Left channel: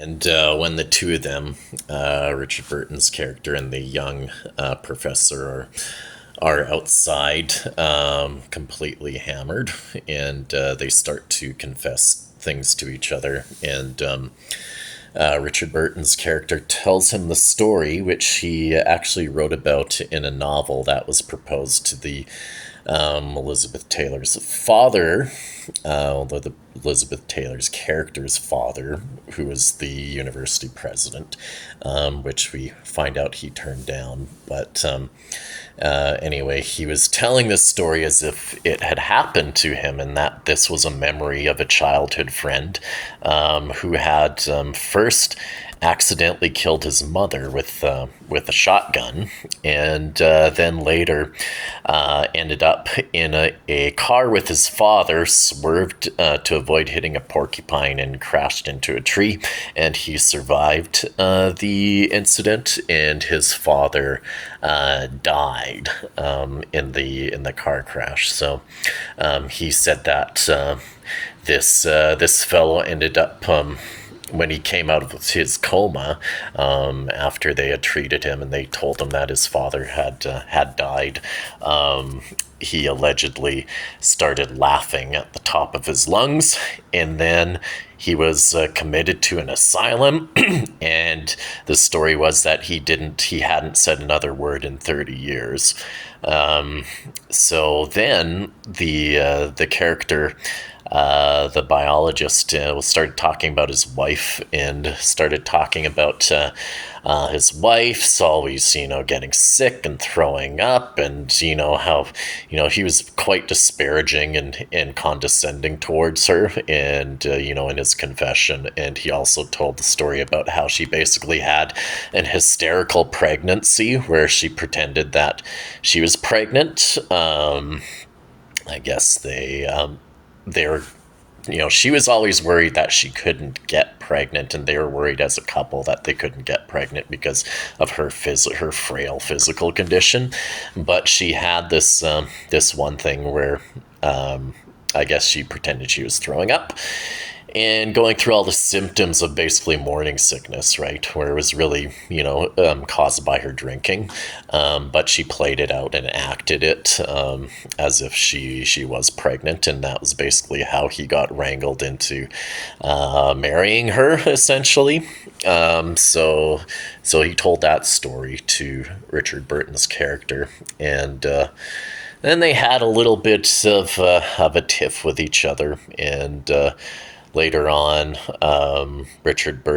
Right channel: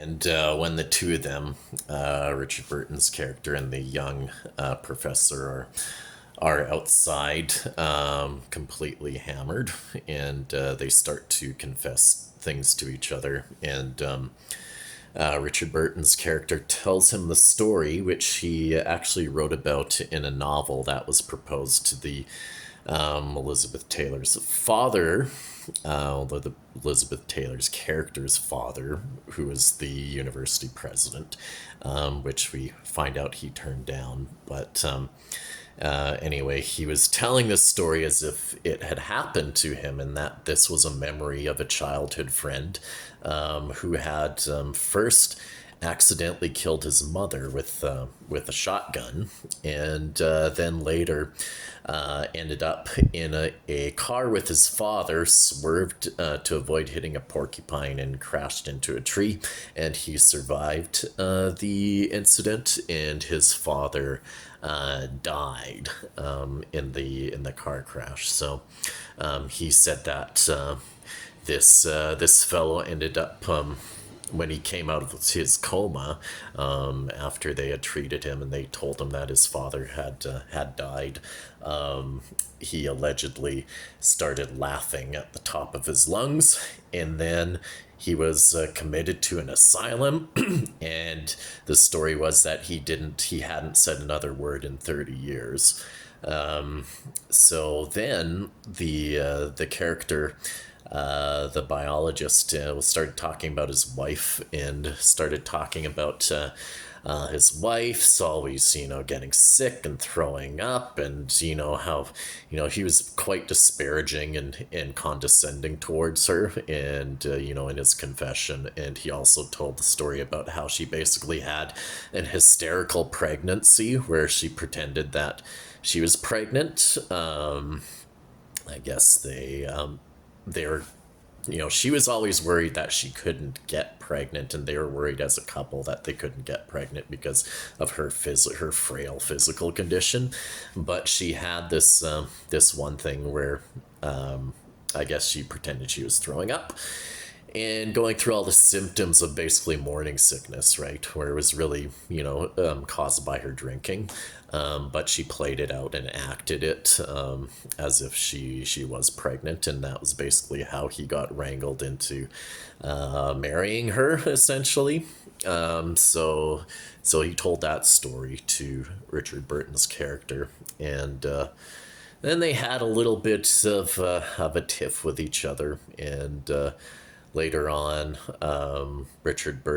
And when the two of them, Richard Burton's character and the young professor, are outside, completely hammered, and they start to confess things to each other. And Richard Burton's character tells him the story, which he actually wrote about in a novel that was proposed to the Elizabeth Taylor's father, Elizabeth Taylor's character's father, who was the university president, which we find out he turned down. But anyway, he was telling this story as if it had happened to him, and that this was a memory of a childhood friend who had first accidentally killed his mother with a shotgun, and then later ended up in a car with his father, swerved to avoid hitting a porcupine, and crashed into a tree. And he survived the incident, and his father died in the car crash. So he said that this fellow ended up when he came out of his coma, after they had treated him and they told him that his father had died, he allegedly started laughing at the top of his lungs, and then he was committed to an asylum. And the story was that he hadn't said another word in 30 years. So then the character, the biologist, started talking about his wife, and started talking about his wife's always, getting sick and throwing up, and how, he was quite disparaging and condescending towards her, and in his confession. And he also told the story about how she basically had an hysterical pregnancy where she pretended that she was pregnant. I guess they're she was always worried that she couldn't get pregnant, and they were worried as a couple that they couldn't get pregnant because of her frail physical condition. But she had this one thing where I guess she pretended she was throwing up and going through all the symptoms of basically morning sickness, right? Where it was really, caused by her drinking. But she played it out and acted it as if she was pregnant. And that was basically how he got wrangled into marrying her, essentially. So he told that story to Richard Burton's character. And then they had a little bit of a tiff with each other. And later on, Richard Burton